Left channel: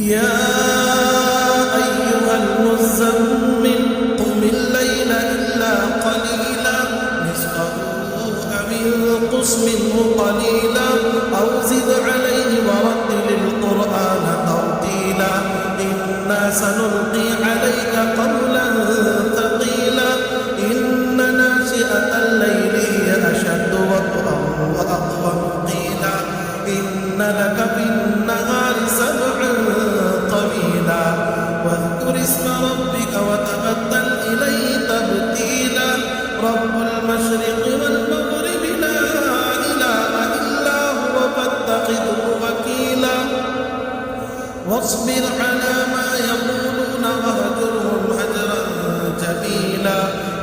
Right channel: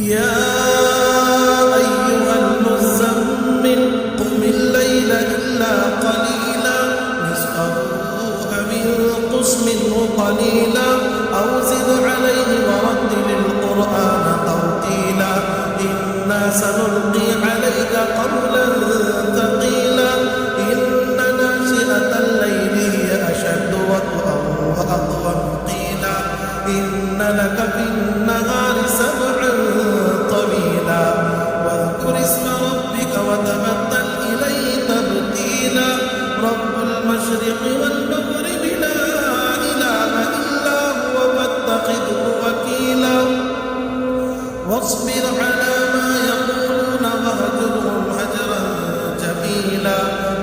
يا أيها المزمل قم الليل إلا قليلا نصفه أو انقص منه قليلا أو زد عليه ورتل القرآن ترتيلا إنا سنلقي عليك قولا ثقيلا إن ناشئة الليل هي أشد وطئا وأقوم قيلا إن لك في النهار سبعا طويلا واذكر اسم ربك وتبتل إليه تبتيلا رب المشرق والمغرب لا إله إلا هو فاتخذه وكيلا واصبر على ما يقولون واهجرهم هجرا جميلا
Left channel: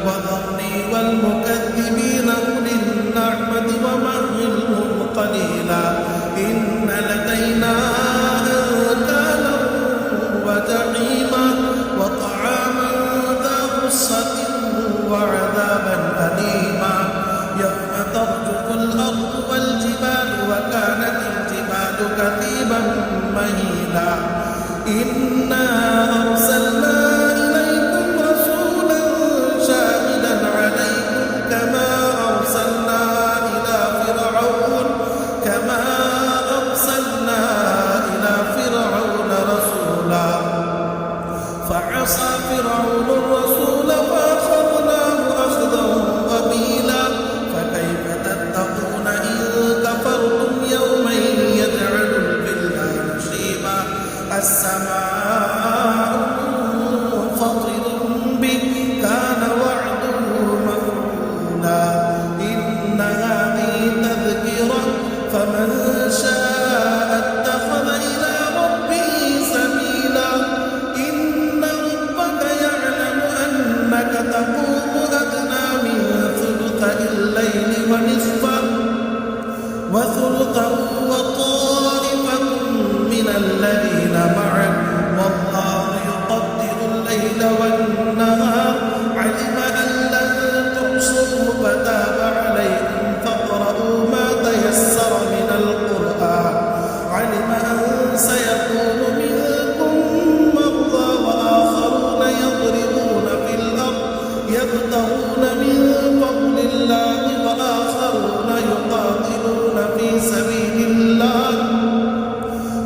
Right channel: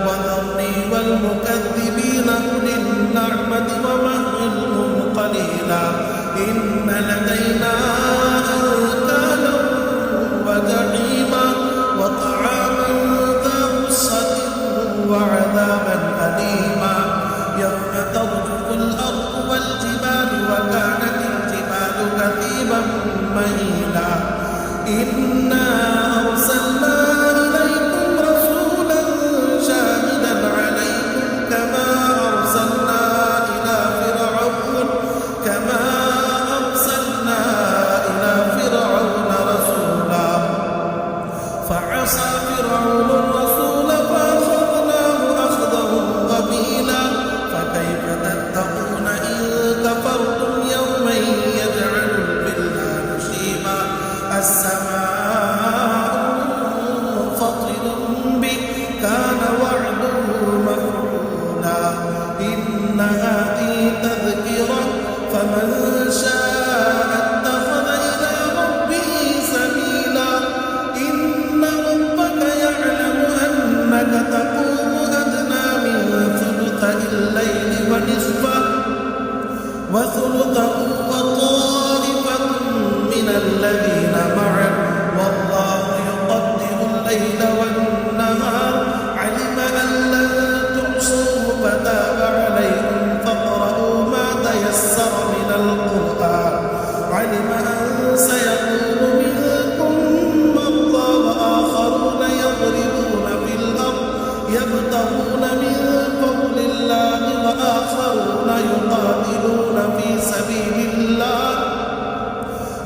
وذرني والمكذبين أولي النعمة ومهلهم قليلا إن لدينا أنكالا وجحيما وطعاما ذا غصة وعذابا أليما يوم ترجف الأرض والجبال وكانت الجبال كثيبا مهيلا إنا أرسلنا إليكم رسولا شاهدا عليكم كما أرسلنا إلى فرعون رسولا فعصى فرعون الرسول فأخذناه أخذا وبيلا فكيف تتقون إن كفرتم يوما يجعل البلدان شيبا السماء منفطر به كان وعده مفعولا إن هذه تذكرة فمن شاء اتخذ إلى ربه سبيلا إن ربك يعلم أنك تقوم أدنى من ثلثي الليل ونصفه وثلثه وطائفة من الذين معك والله يقدر الليل والنهار علم أن لن تحصوه فتاب عليكم فاقرؤوا ما تيسر من القرآن علم أن سيكون منكم مرضى وآخرون يضربون في الأرض يبتغون من فضل الله وآخرون يقاتلون في سبيل الله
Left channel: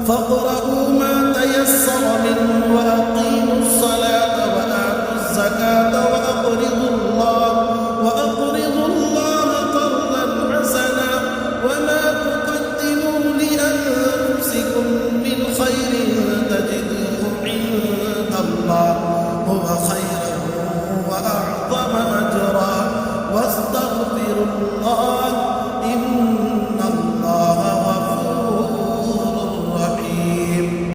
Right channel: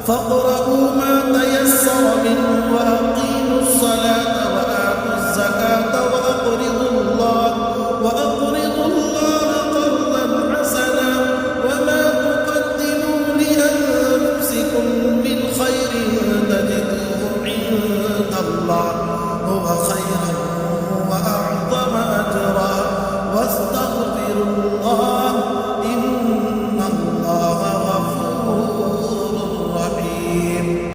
فاقرؤوا ما تيسر منه وأقيموا الصلاة وآتوا الزكاة وأقرضوا الله قرضا حسنا وما تقدموا لأنفسكم من خير تجدوه عند الله هو خيرا وأعظم أجرا واستغفروا الله إن